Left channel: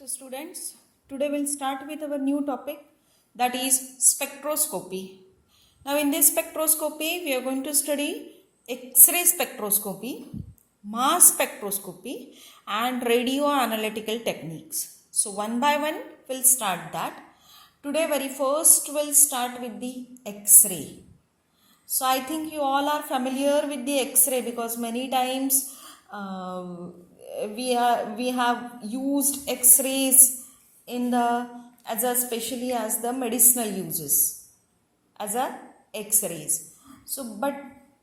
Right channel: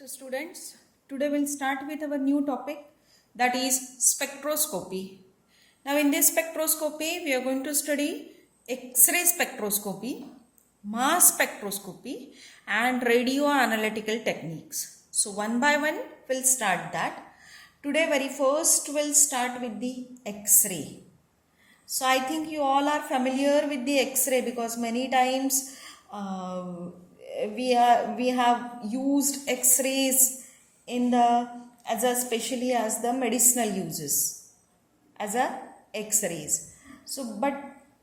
So students, today we'll start with our new topic, that is spectroscopy. Now in this spectroscopy, we are going to study X-ray spectroscopy, mass spectroscopy and radio analytical techniques. So one by one we'll start that. Today very first we'll start with the X-ray. So I think you all are familiar with the X-ray because many times we have used X-rays in especially as the medicinal uses as a X-rays. So but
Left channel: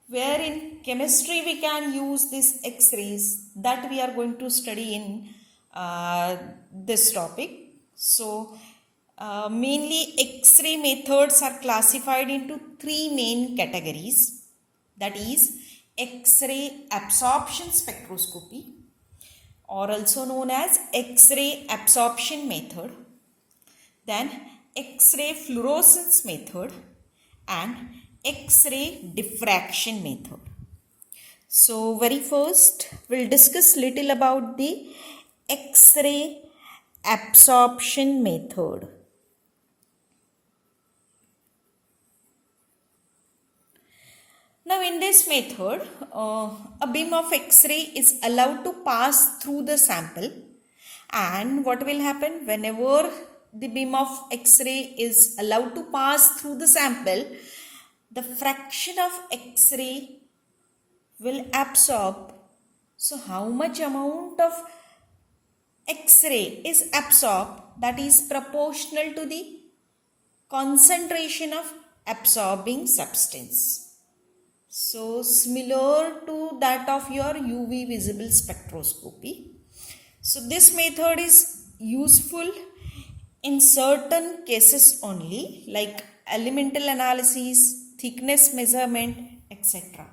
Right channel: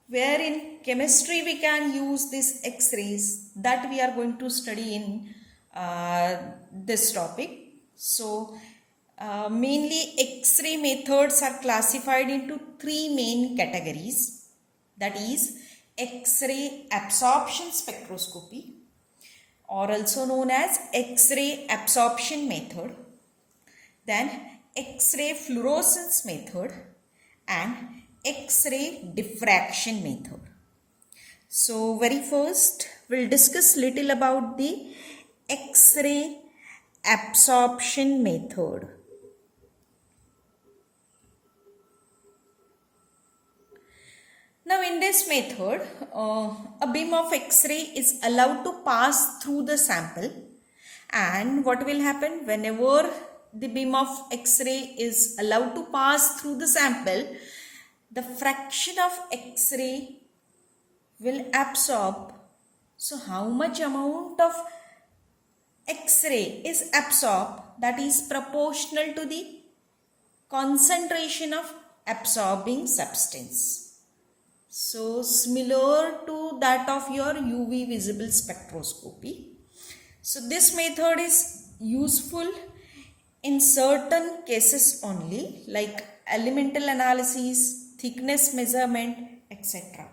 where in chemistry we can use these X-rays, that we are going to study in this topic. So mainly X-ray methods are classified into three main categories, that is X-ray absorption spectroscopy, or also known as X-ray absorption method, then X-ray fluorescence method and X-ray diffraction method. So very first we'll discuss little about the X-ray absorption method. Now in this method, a beam of X-ray is allowed to pass through the sample, and what will happen whenever the beam of X-ray is allowed to pass through the sample, the fraction of X-ray will absorb. So how much amount of X-ray is absorbed, that is proportional to the concentration of absorbing substance. So similar to that of your UV visible spectroscopy. So this method is useful in certain cases only, like elemental analysis, thickness measurement, etc.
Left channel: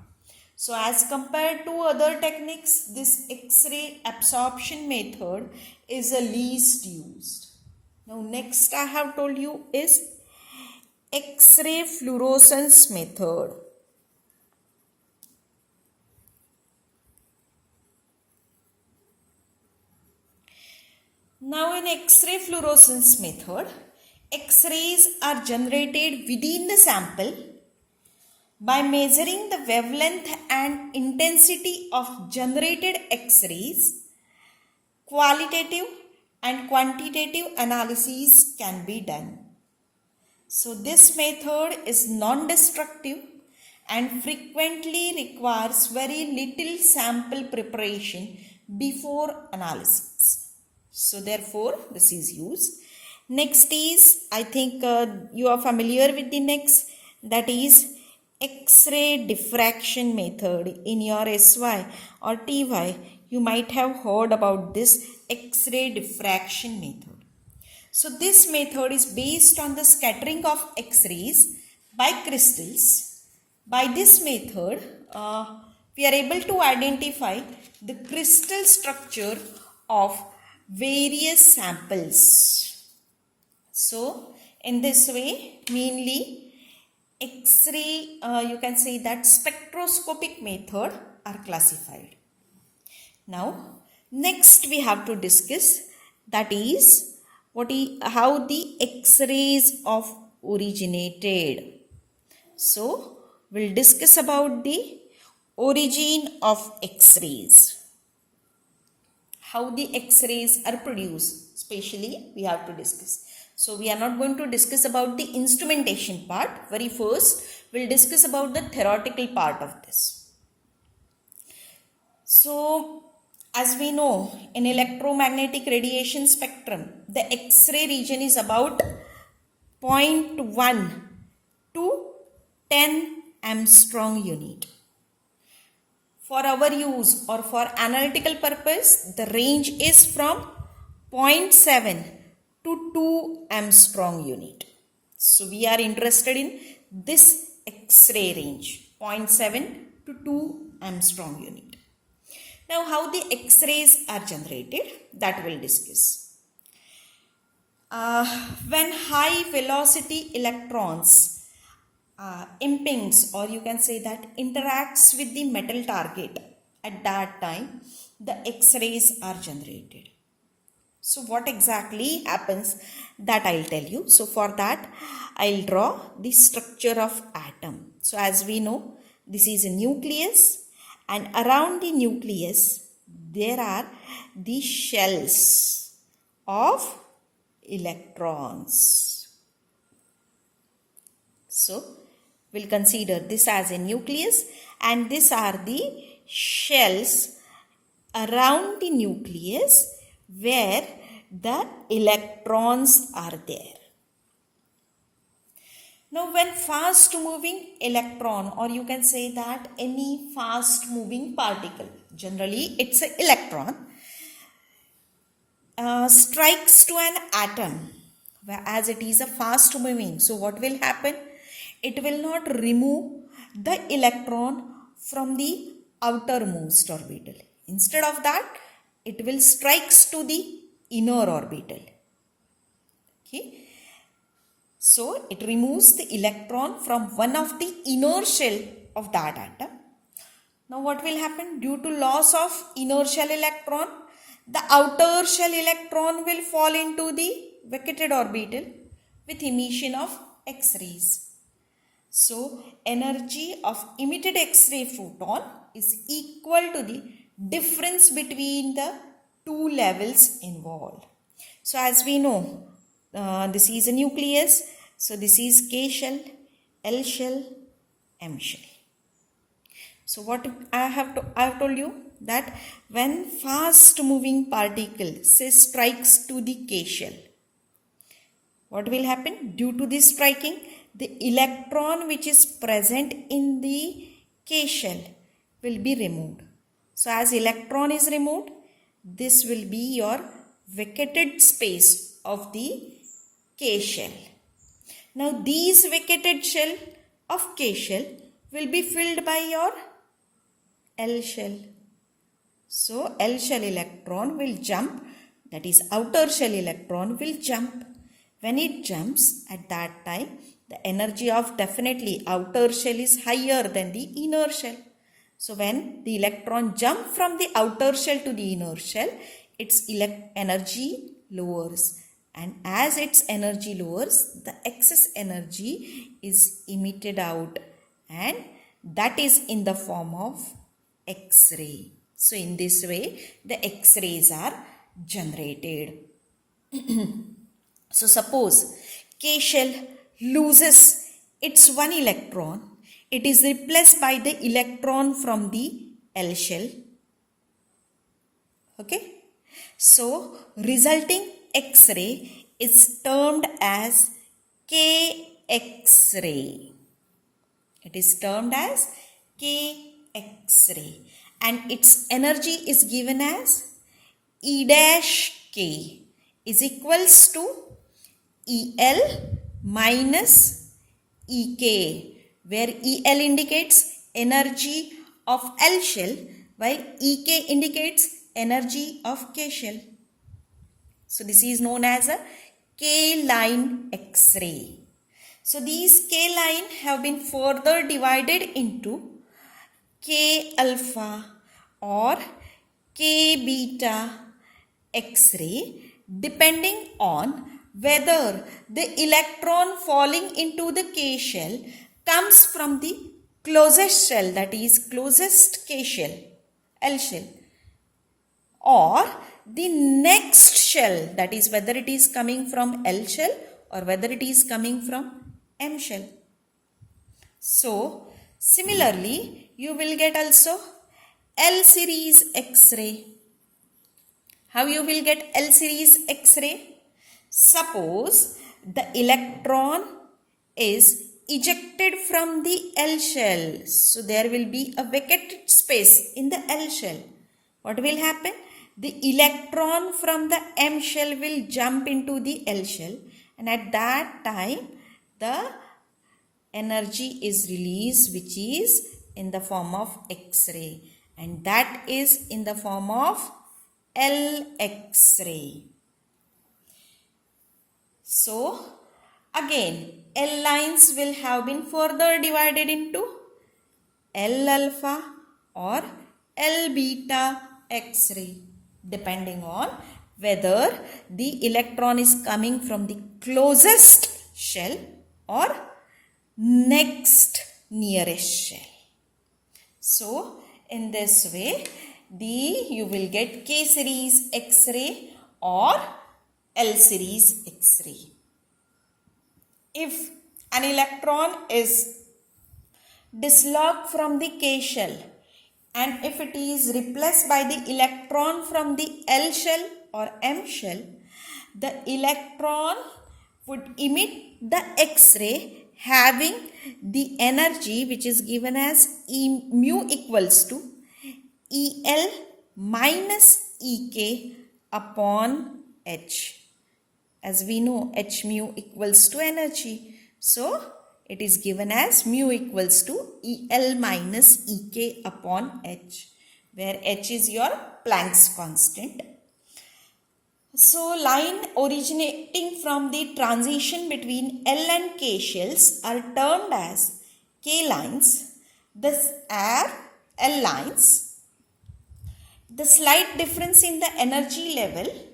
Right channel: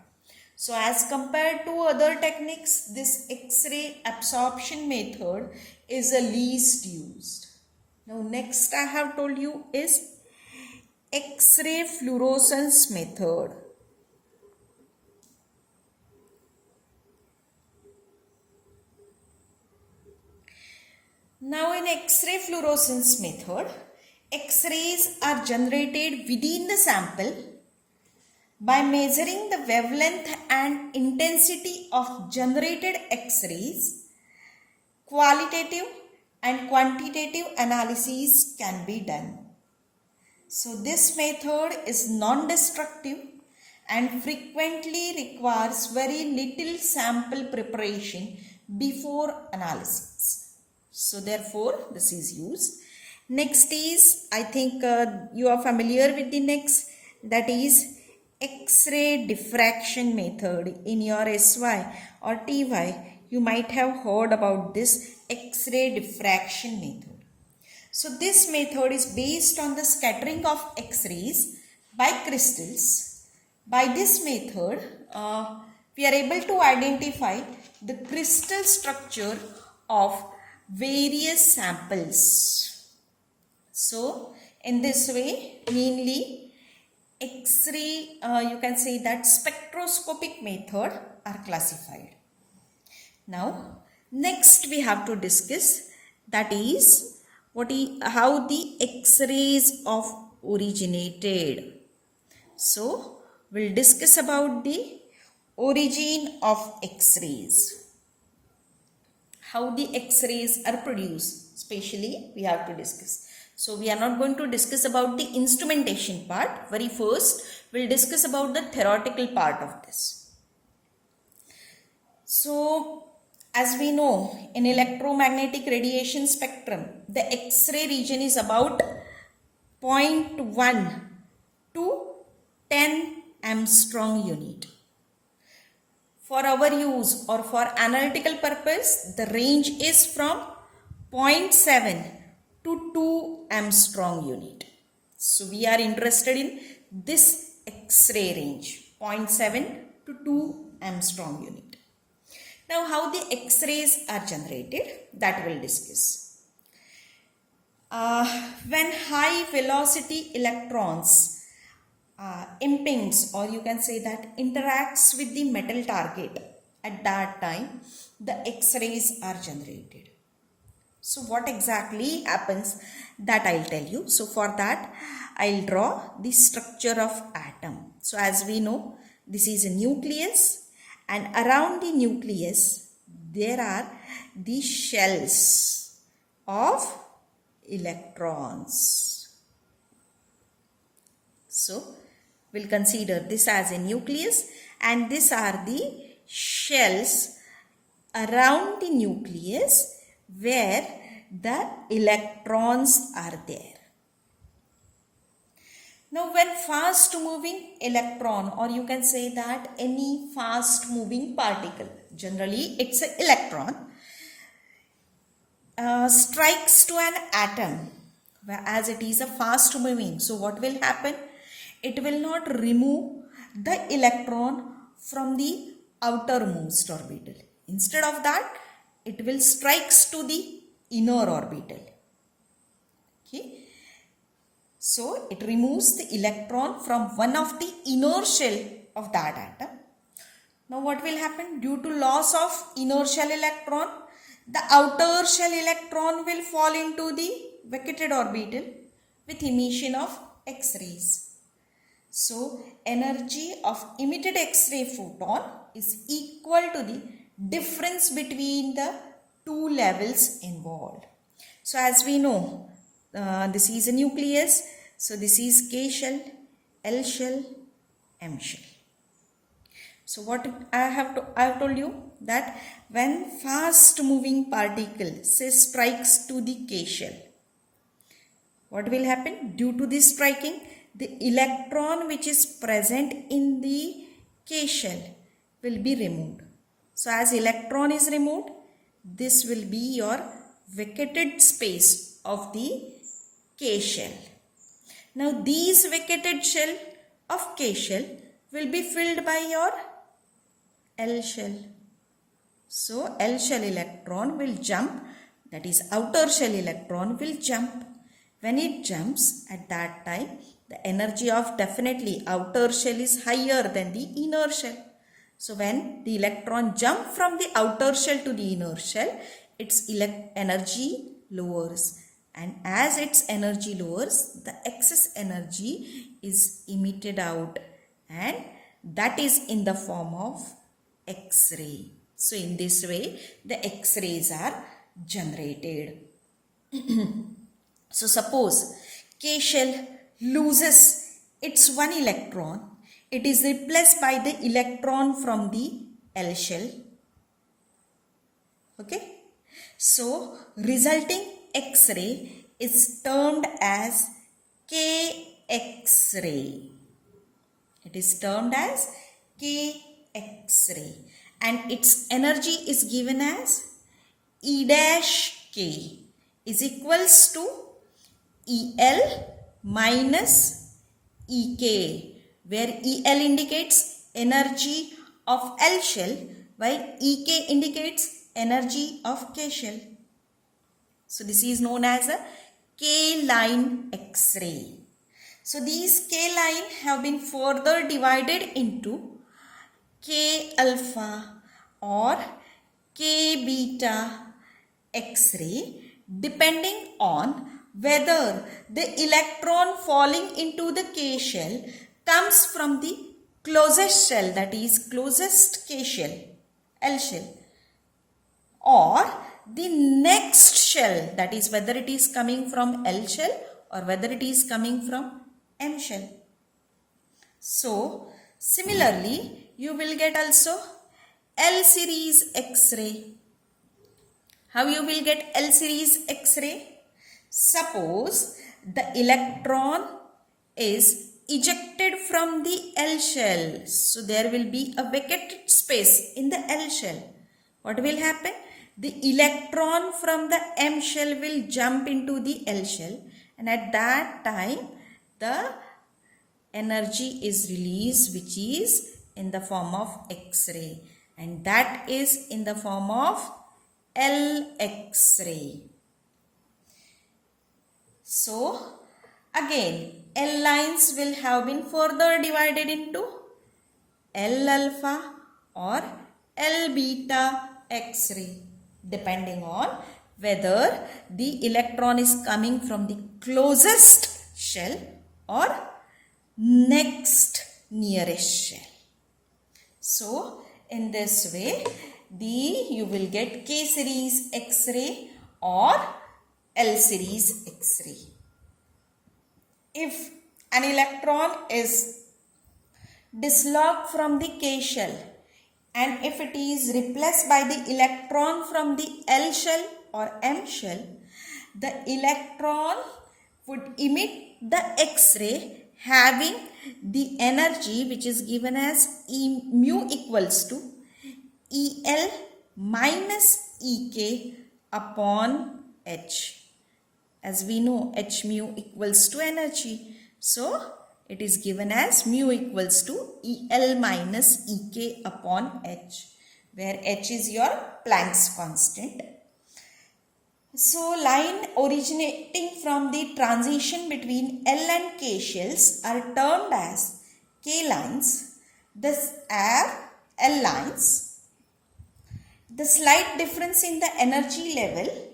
So as compared to other techniques, this X-ray absorption method is the least used. Now next I have told you is X-ray fluorescence method. Now in X-ray fluorescence method, X-rays are generated within the sample by measuring the wavelength and intensity of generated X-rays. Qualitative and quantitative analyses can be done. So this method is non-destructive and frequently requires very little sample preparation before analysis. So therefore this is used. Next is, I think you are familiar with the next, that is X-ray diffraction method. In your SY or TY, you might have heard about this X-ray diffraction method. So this method is based on the scattering of X-rays by crystals. By this method, we are able to identify the crystal structure of various samples. So in this way, mainly X-ray, you can say that spectroscopic method are classified. Now next we have to discuss, that is how the X-rays of originated. So we'll discuss about the origin of X-rays. How the X-rays are produced, especially we have to discuss. So we are not going to discuss about the instrumentation part. Very first, we'll discuss about the theoretical part of this. So as we know, in electromagnetic radiation spectrum, the X-ray region is about 0.1 to 10 Armstrong unit. For our use or for analytical purpose, the range is from 0.7 to 2 Armstrong unit. So we are interested in this X-ray range, 0.7 to 2 Armstrong unit. Now how the X-rays are generated, that we'll discuss. When high velocity electrons impinges, or you can say that interacts with the metal target, at that time the X-rays are generated. So what exactly happens, that I'll tell you. So for that, I'll draw the structure of atom. So as we know, this is a nucleus, and around the nucleus there are the shells of electrons. So we'll consider this as a nucleus, and these are the shells around the nucleus where the electrons are there. Now when fast moving electron, or you can say that any fast moving particle, generally it's an electron, strikes to an atom, as it is a fast moving. So what will happen? It will not remove the electron from the outermost orbital. Instead of that, it will strikes to the inner orbital. Okay. So it removes the electron from one of the inner shell of that atom. Now what will happen? Due to loss of inner shell electron, the outer shell electron will fall into the vacated orbital with emission of X-rays. So energy of emitted X-ray photon is equal to the difference between the two levels involved. So as we know, this is a nucleus. So this is K shell, L shell, M shell. So what I have told you that when fast moving particle say strikes to the K shell, what will happen? Due to this striking, the electron which is present in the K shell will be removed. So as electron is removed, this will be your vacated space of the K shell. Now these vacated shell of K shell will be filled by your L shell. So L shell electron will jump, that is outer shell electron will jump. When it jumps, at that time the energy of definitely outer shell is higher than the inner shell. So when the electron jump from the outer shell to the inner shell, its energy lowers. And as its energy lowers, the excess energy is emitted out, and that is in the form of X-ray. So in this way, the X-rays are generated. So suppose K shell loses its one electron, it is replaced by the electron from the L shell. Okay. So resulting X-ray is termed as K-X-ray. It is termed as K-X-ray, and its energy is given as E dash K is equals to EL minus EK, where EL indicates energy of L shell while EK indicates energy of K shell. So this is known as a K-line X-ray. So these K-line have been further divided into K-alpha or K-beta X-ray depending on whether the electron falling into the K shell comes from the closest shell, that is closest K shell, L shell, or the next shell, that is whether it is coming from L shell or whether it is coming from M shell. So similarly, you will get also L series X-ray. How you will get L series X-ray? Suppose the electron is ejected from the L shell. So there will be a vacated space in the L shell. What will happen? The electron from the M shell will jump into the L shell, and at that time the energy is released, which is in the form of X-ray, and that is in the form of L X-ray. So again, L lines will have been further divided into L alpha or L beta X-ray depending on whether the electron is coming from the closest shell or next nearest shell. So in this way, you will get K series X-ray or L series X-ray. If an electron is dislodged from the K shell and if it is replaced by the electron from the L shell or M shell, the electron would emit the X-ray having the energy which is given as mu equals to EL minus EK upon H. As we know, H mu equals to energy. So, it is given as mu equals to EL minus EK upon H, where H is your Planck's constant. So, line originating from the transition between L and K shells are termed as K lines. These are L lines. The slight difference in the energy level,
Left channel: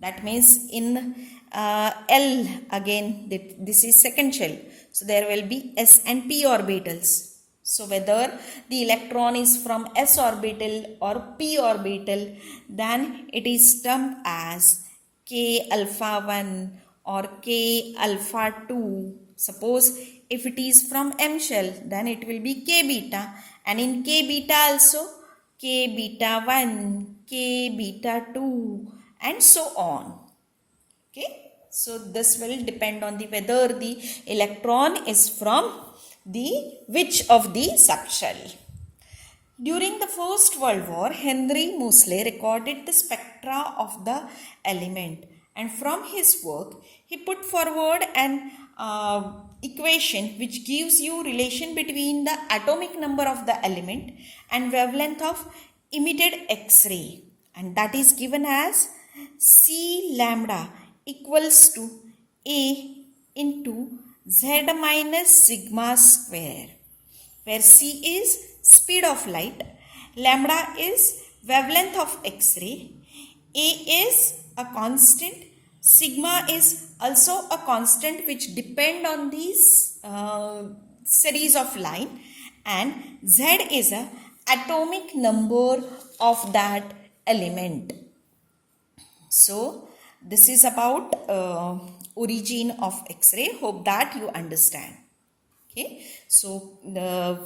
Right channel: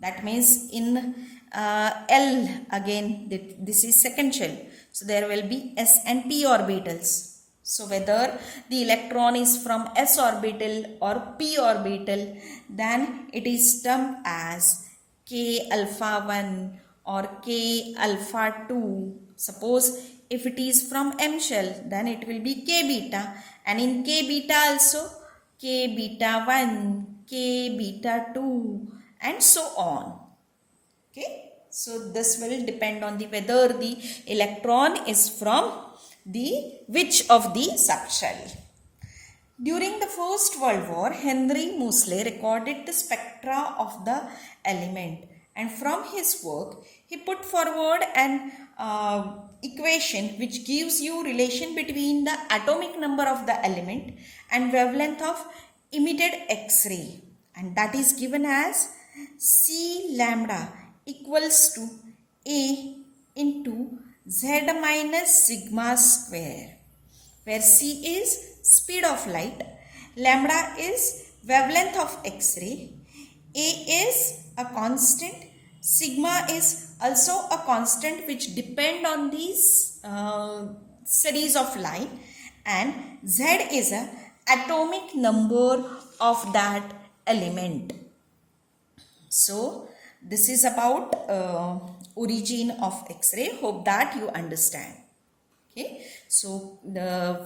that means in L, again this is second shell, so there will be S and P orbitals. So whether the electron is from S orbital or P orbital, then it is termed as K alpha 1 or K alpha 2. Suppose if it is from M shell, then it will be K beta, and in K beta also K beta 1, K beta 2, and so on. Okay, so this will depend on whether the electron is from which of the subshell. During the First World War, Henry Moseley recorded the spectra of the element, and from his work he put forward an equation which gives you relation between the atomic number of the element and wavelength of emitted X-ray, and that is given as C lambda equals to A into Z minus sigma square, where C is speed of light, lambda is wavelength of X-ray, A is a constant, sigma is also a constant which depend on these series of line, and Z is a atomic number of that element. So this is about origin of X-ray. Hope that you understand. Okay, so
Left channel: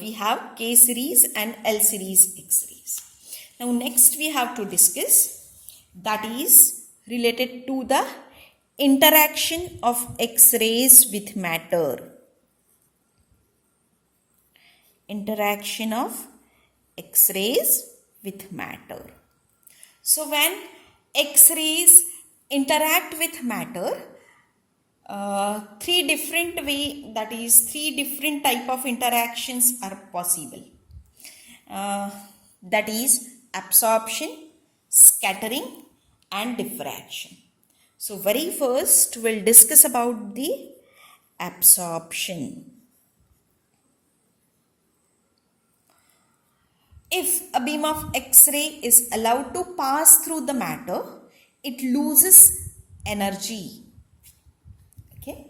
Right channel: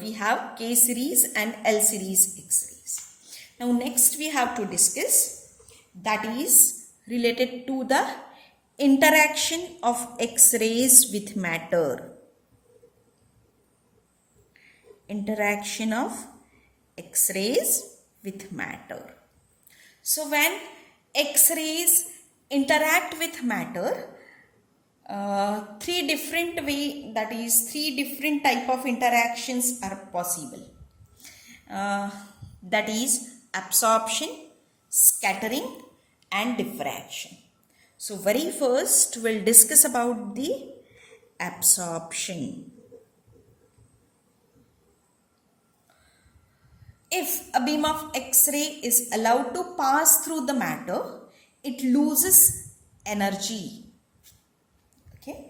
we have K series and L series X-rays. Now next we have to discuss, that is related to the interaction of X-rays with matter. Interaction of X-rays with matter. So when X-rays interact with matter, three different type of interactions are possible. That is absorption, scattering, and diffraction. So very first we'll discuss about the absorption. If a beam of X-ray is allowed to pass through the matter, it loses energy. Okay,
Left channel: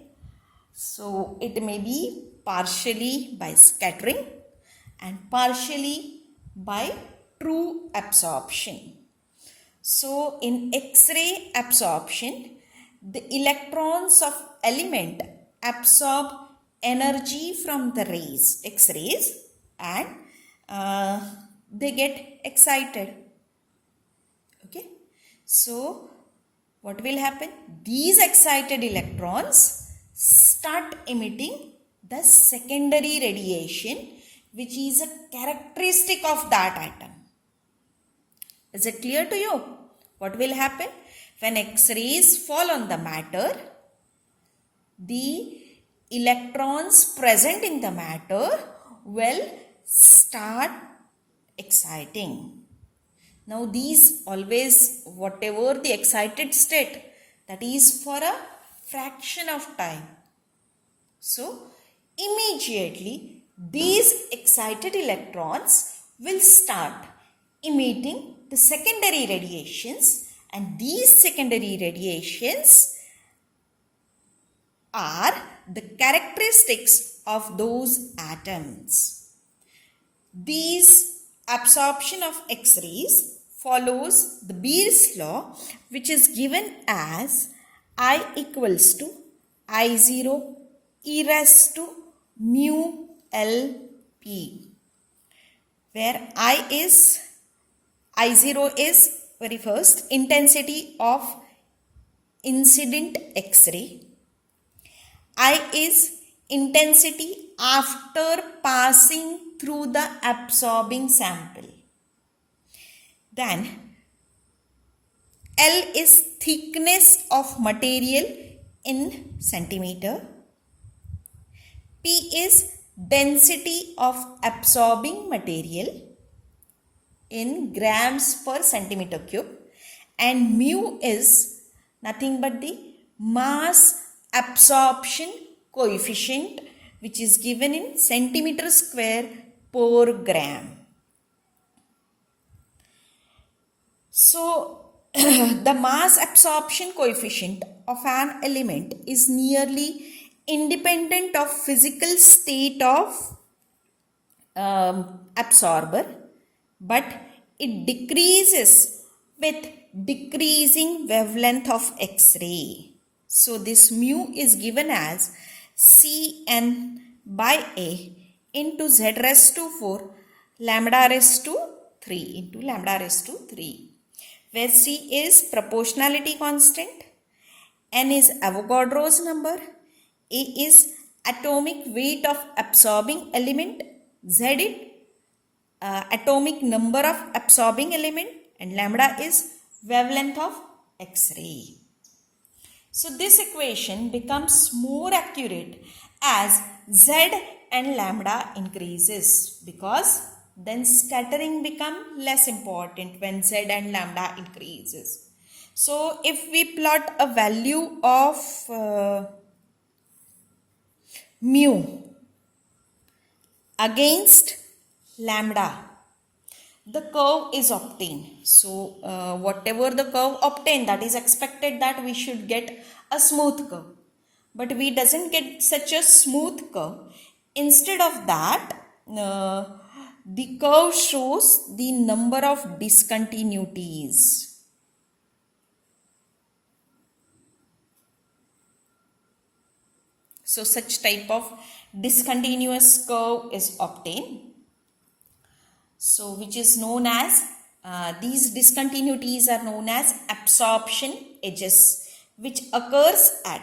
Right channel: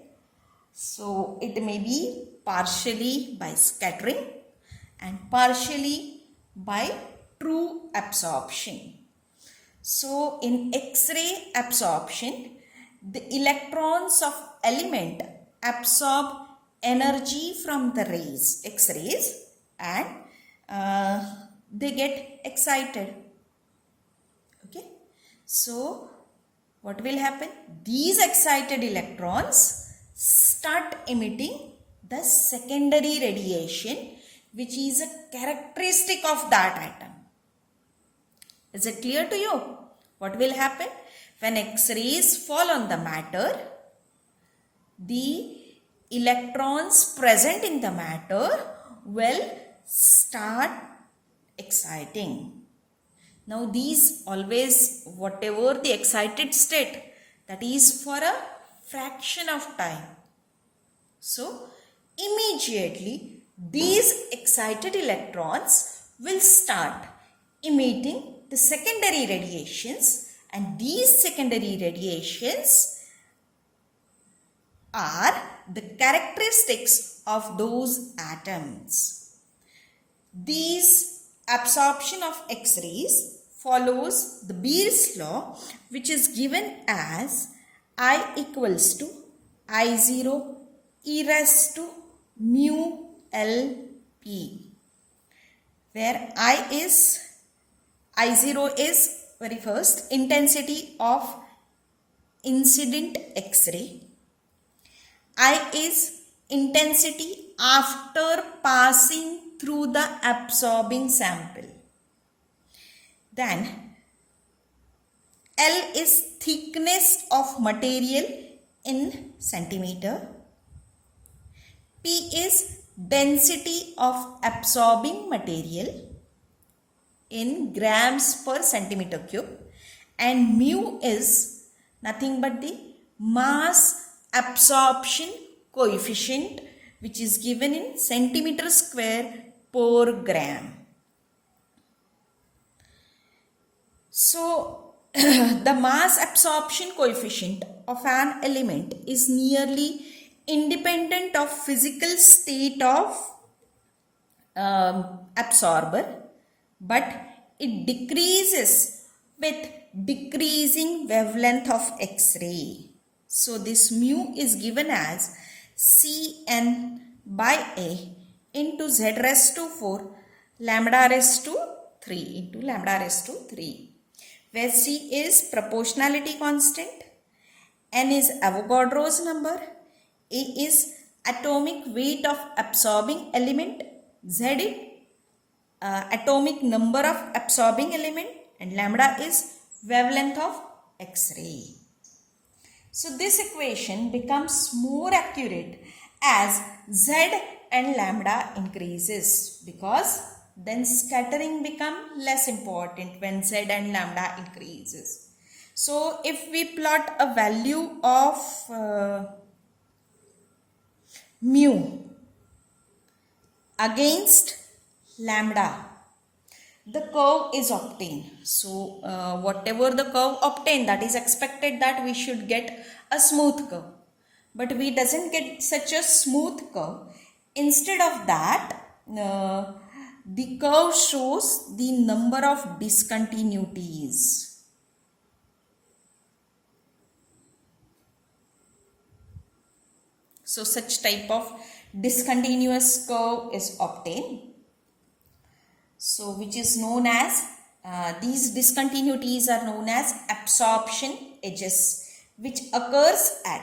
so it may be partially by scattering and partially by true absorption. So in X-ray absorption, the electrons of element absorb energy from the rays, X-rays, and they get excited. Okay, so what will happen? These excited electrons start emitting the secondary radiation, which is a characteristic of that atom. Is it clear to you? What will happen? When X-rays fall on the matter, the electrons present in the matter will start exciting. Now these always, whatever the excited state, that is for a fraction of time. So immediately these excited electrons will start emitting the secondary radiations, and these secondary radiations are the characteristics of those atoms. These absorption of X-rays follows the Boses law, which is given as I equals to I0 e raised to mu LP, where I0 is very first intensity of incident X-ray. I is intensity after passing through the absorbing sample. Then L is thickness of material in centimeter. P is density of absorbing material in grams per centimeter cube, and mu is nothing but the mass absorption coefficient, which is given in centimeter square per gram. So the mass absorption coefficient of an element is nearly independent of physical state of absorber, but it decreases with decreasing wavelength of X-ray. So this mu is given as Cn by A into Z raised to 4 lambda raised to 3 into lambda raised to 3, where C is proportionality constant, N is Avogadro's number, A is atomic weight of absorbing element, Z is atomic number of absorbing element, and lambda is wavelength of X-ray. So this equation becomes more accurate as Z and lambda increases, because then scattering becomes less important when Z and lambda increases. So if we plot a value of mu against lambda, the curve is obtained. So whatever the curve obtained, that is expected that we should get a smooth curve, but we doesn't get such a smooth curve. Instead of that, the curve shows the number of discontinuities. So such type of discontinuous curve is obtained. So which is known as, these discontinuities are known as absorption edges, which occurs at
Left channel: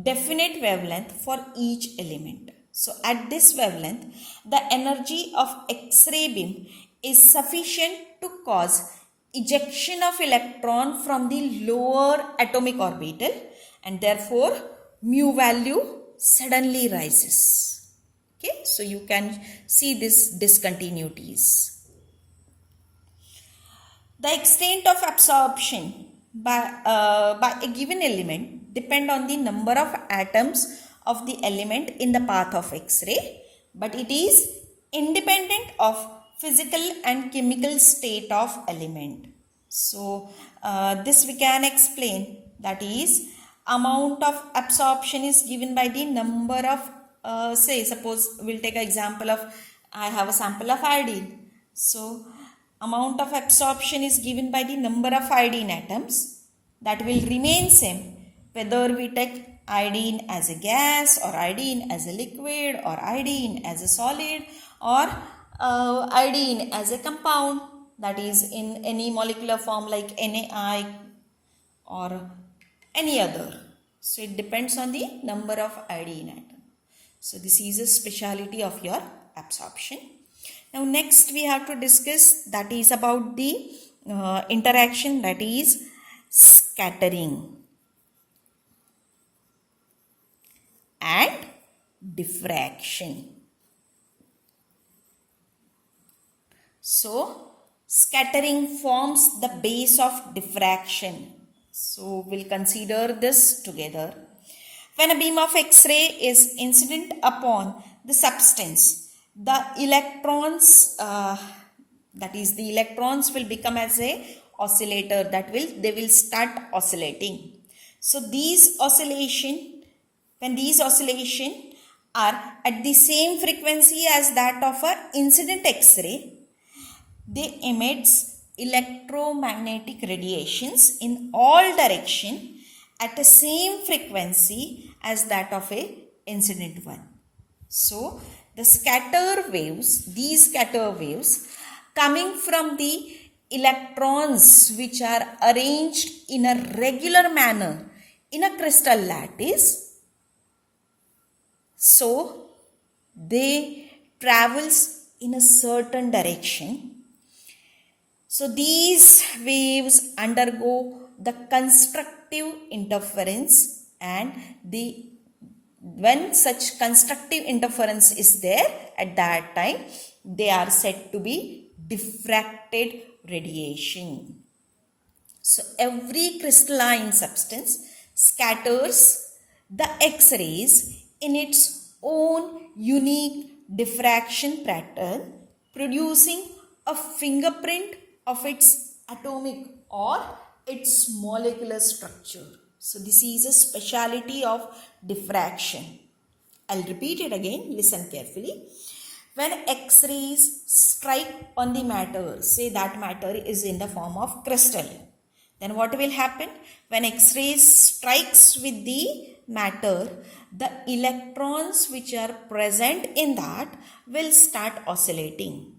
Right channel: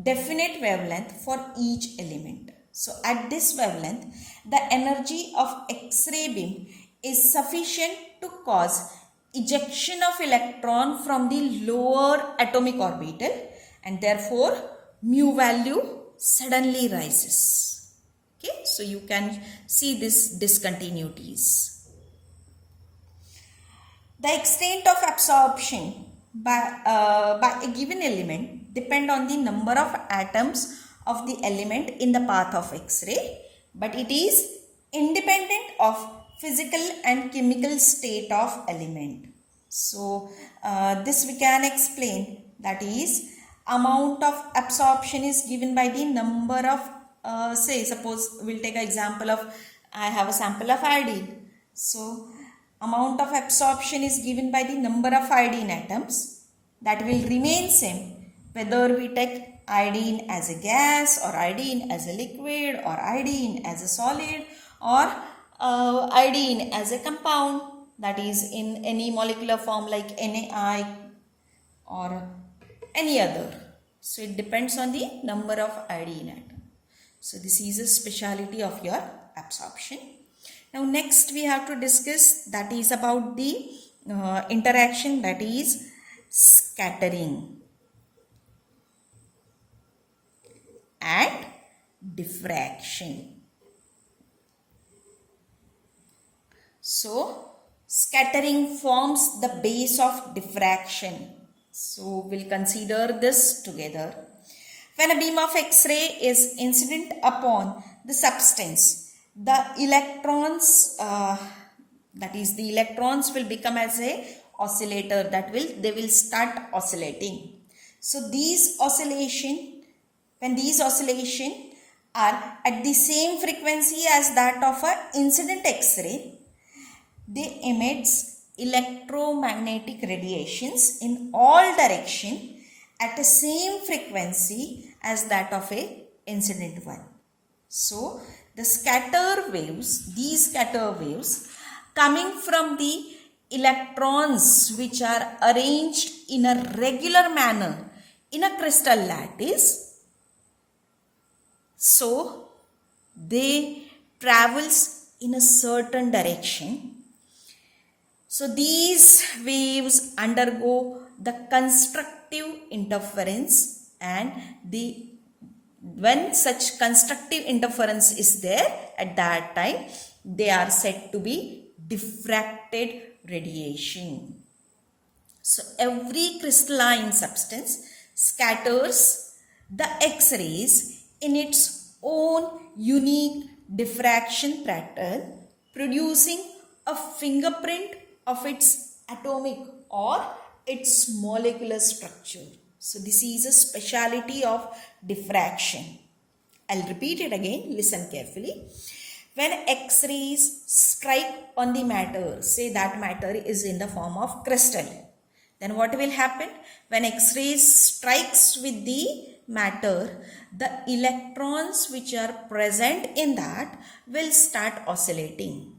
definite wavelength for each element. So at this wavelength, the energy of X-ray beam is sufficient to cause ejection of electron from the lower atomic orbital, and therefore mu value suddenly rises. Okay, so you can see this discontinuities. The extent of absorption by a given element depend on the number of atoms of the element in the path of X-ray, but it is independent of physical and chemical state of element. So this we can explain, that is, amount of absorption is given by the number of say, suppose we'll take an example of, I have a sample of iodine. So amount of absorption is given by the number of iodine atoms, that will remain same whether we take iodine as a gas or iodine as a liquid or iodine as a solid or iodine as a compound, that is in any molecular form like NaI or any other. So it depends on the number of iodine atom. So this is a speciality of your absorption. Now next we have to discuss, that is about the interaction, that is scattering and diffraction. So scattering forms the base of diffraction. So we'll consider this together. When a beam of X-ray is incident upon the substance, the electrons, that is the electrons will become as a oscillator, they will start oscillating. So these when these oscillation are at the same frequency as that of a incident X-ray, they emits electromagnetic radiations in all direction at the same frequency as that of a incident one. So the these scatter waves coming from the electrons which are arranged in a regular manner in a crystal lattice, so they travels in a certain direction. So these waves undergo the constructive interference, and when such constructive interference is there, at that time they are said to be diffracted radiation. So every crystalline substance scatters the X-rays in its own unique diffraction pattern, producing a fingerprint of its atomic or its molecular structure. So this is a speciality of diffraction. I'll repeat it again, listen carefully. When X-rays strike on the matter, say that matter is in the form of crystal, then what will happen? When X-rays strikes with the matter, the electrons which are present in that will start oscillating.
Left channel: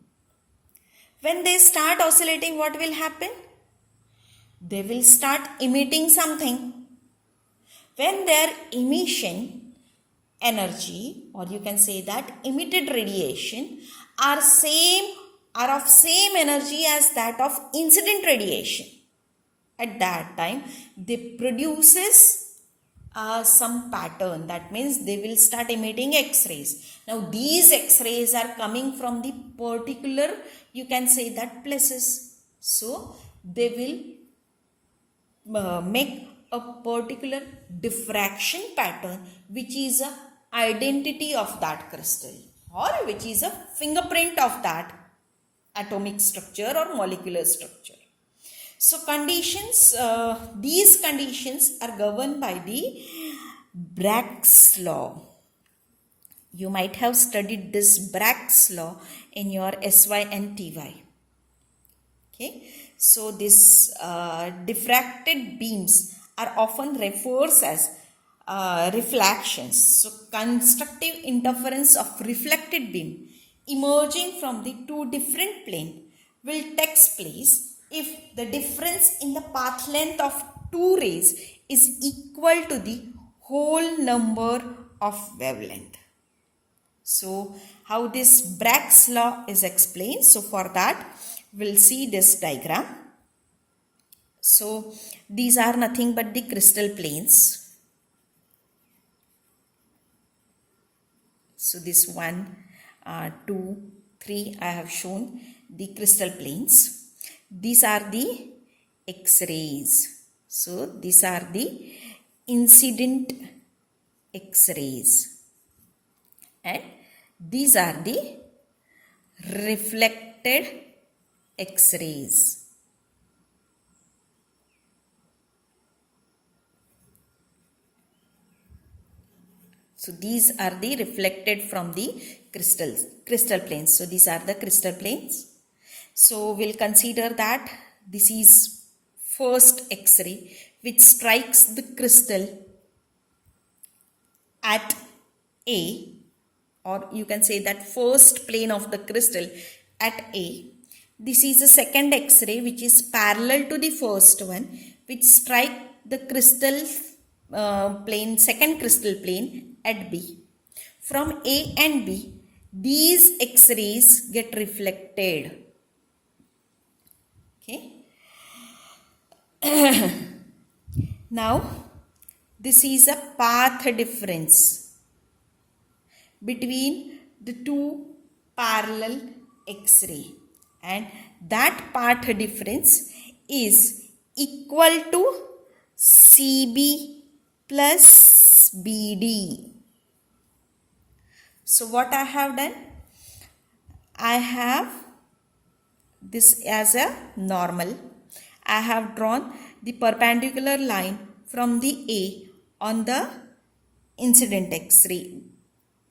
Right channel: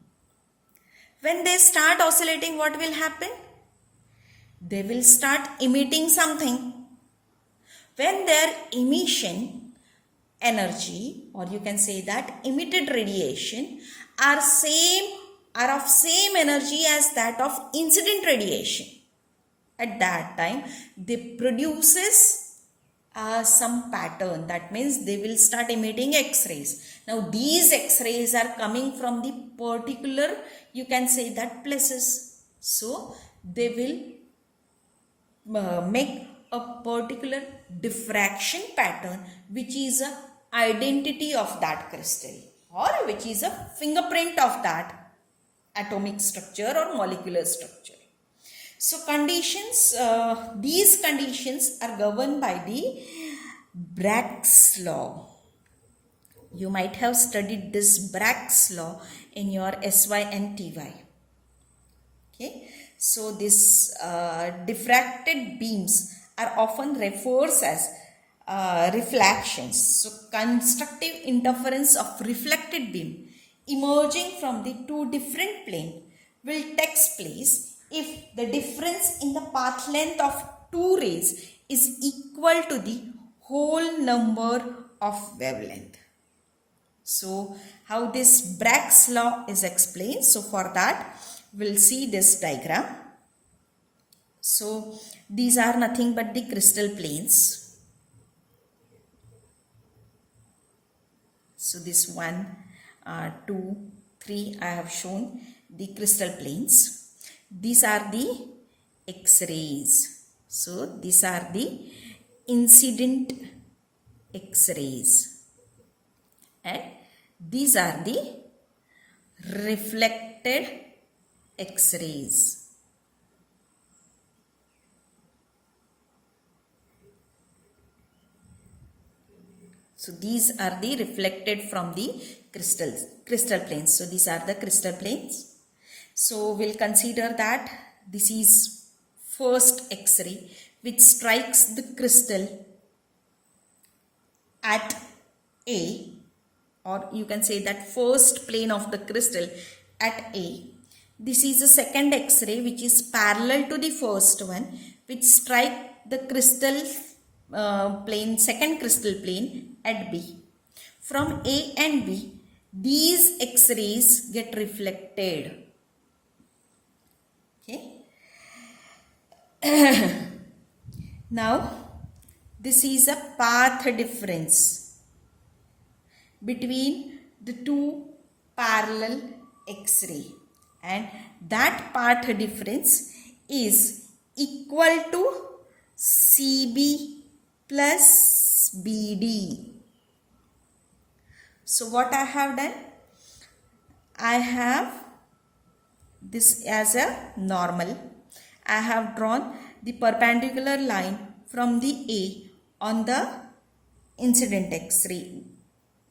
When they start oscillating, what will happen? They will start emitting something. When their emission energy, or you can say that emitted radiation, are of same energy as that of incident radiation, at that time they produces some pattern. That means they will start emitting X-rays. Now these X-rays are coming from the particular, you can say that, places. So they will make a particular diffraction pattern which is a identity of that crystal, or which is a fingerprint of that atomic structure or molecular structure. So these conditions are governed by the Bragg's law. You might have studied this Bragg's law in your SY and TY. Okay. So this diffracted beams are often referred as reflections. So constructive interference of reflected beam emerging from the two different planes will take place if the difference in the path length of two rays is equal to the whole number of wavelength. So how this Bragg's law is explained? So for that we'll see this diagram. So these are nothing but the crystal planes. So this 1, 2, 3 I have shown the crystal planes. These are the X-rays. So these are the incident X-rays. And these are the reflected X-rays. So these are the reflected from the crystal planes. So these are the crystal planes. So we'll consider that this is first X-ray which strikes the crystal at A, or you can say that first plane of the crystal at A. This is the second X-ray which is parallel to the first one, which strike the crystal plane, second crystal plane at B. From A and B, these X-rays get reflected. Okay. Now, this is a path difference between the two parallel X-ray, and that path difference is equal to CB plus BD. So what I have done? I have this as a normal. I have drawn the perpendicular line from the A on the incident X-ray.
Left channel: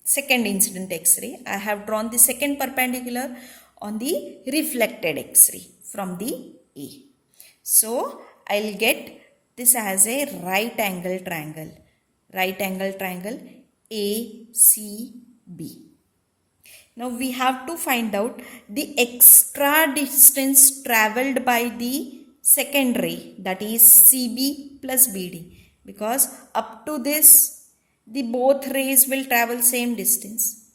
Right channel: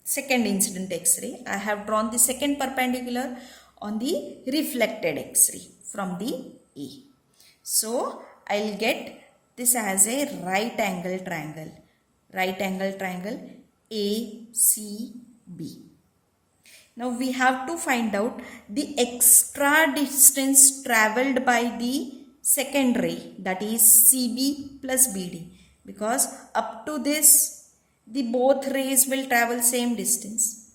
Second incident X-ray. I have drawn the second perpendicular on the reflected X-ray from the A. So, I'll get this as a right angle triangle. Right angle triangle ACB. Now, we have to find out the extra distance travelled by the second ray, that is CB plus BD, because up to this the both rays will travel same distance.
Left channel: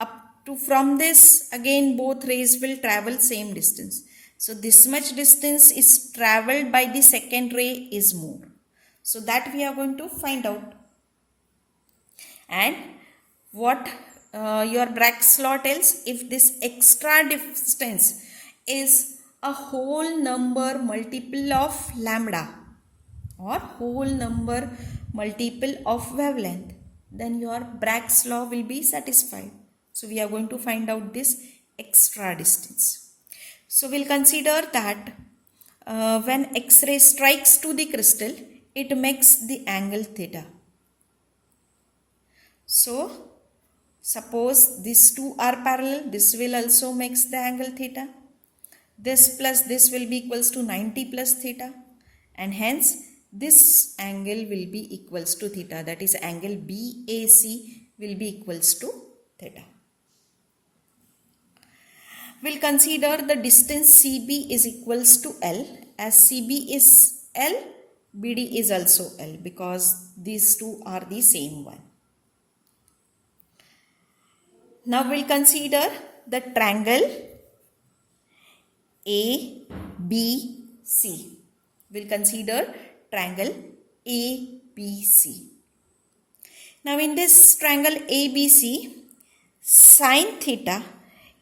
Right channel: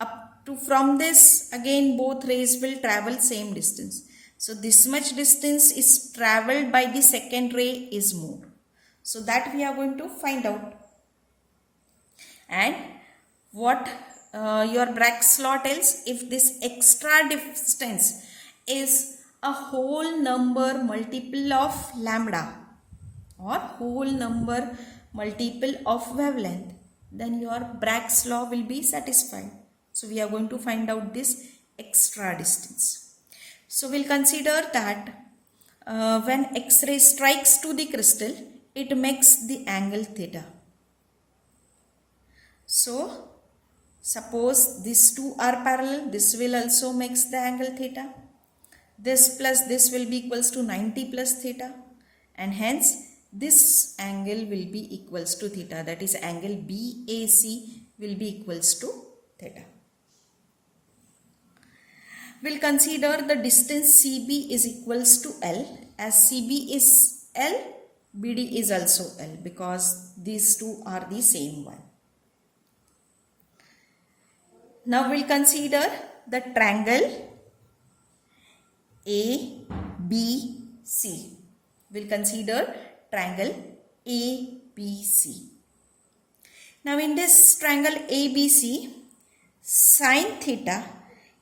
Up to from this again both rays will travel same distance. So this much distance is travelled by the second ray is more. So that we are going to find out. And what your Bragg's law tells, if this extra distance is a whole number multiple of lambda or whole number multiple of wavelength, then your Bragg's law will be satisfied. So we are going to find out this extra distance. So we'll consider that when X-ray strikes to the crystal, it makes the angle theta. So suppose these two are parallel, this will also makes the angle theta. This plus this will be equals to 90 plus theta, and hence this angle will be equals to theta, that is angle BAC will be equals to theta. We'll consider the distance CB is equals to L, as CB is L, BD is also L, because these two are the same one. Now we'll consider the triangle ABC. We'll consider triangle ABC. Now in this triangle ABC, sin theta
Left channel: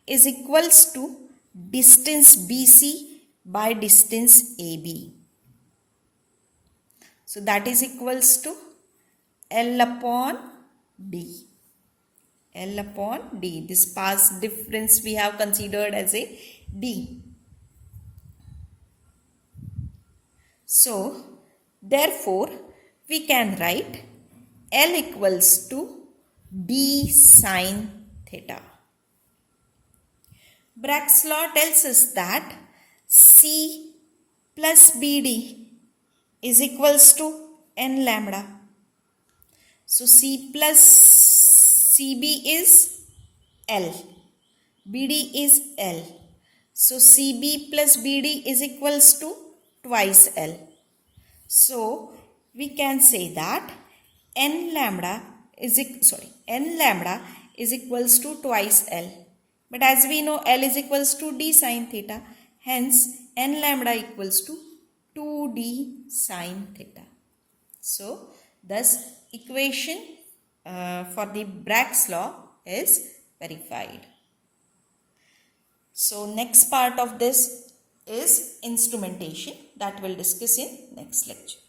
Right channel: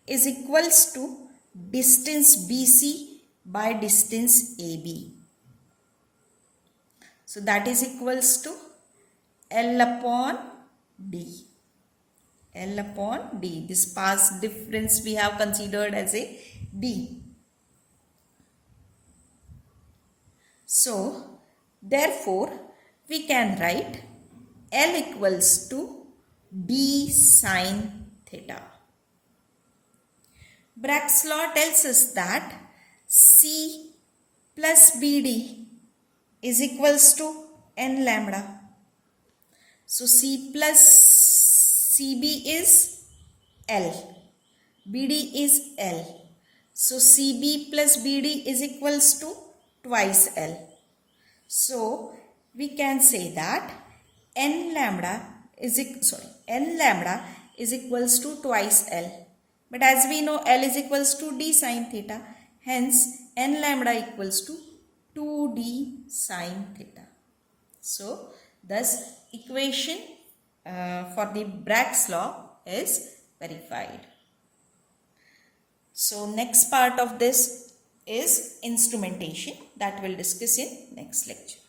is equals to distance BC by distance AB. So that is equals to L upon D. L upon D. This path difference we have considered as a D. So, therefore, we can write L equals to D sin theta. Bragg's law tells us that C plus BD is equals to n lambda. So, C plus CB is L, BD is L. So, CB plus BD is equals to twice L. So, we can say that n lambda is equals to twice L. But as we know, L is equals to D sin theta. Hence, n lambda equals to 2D sin theta. So, thus equation for the Bragg's law is verified. So, next part of this is instrumentation that we'll discuss in next lecture.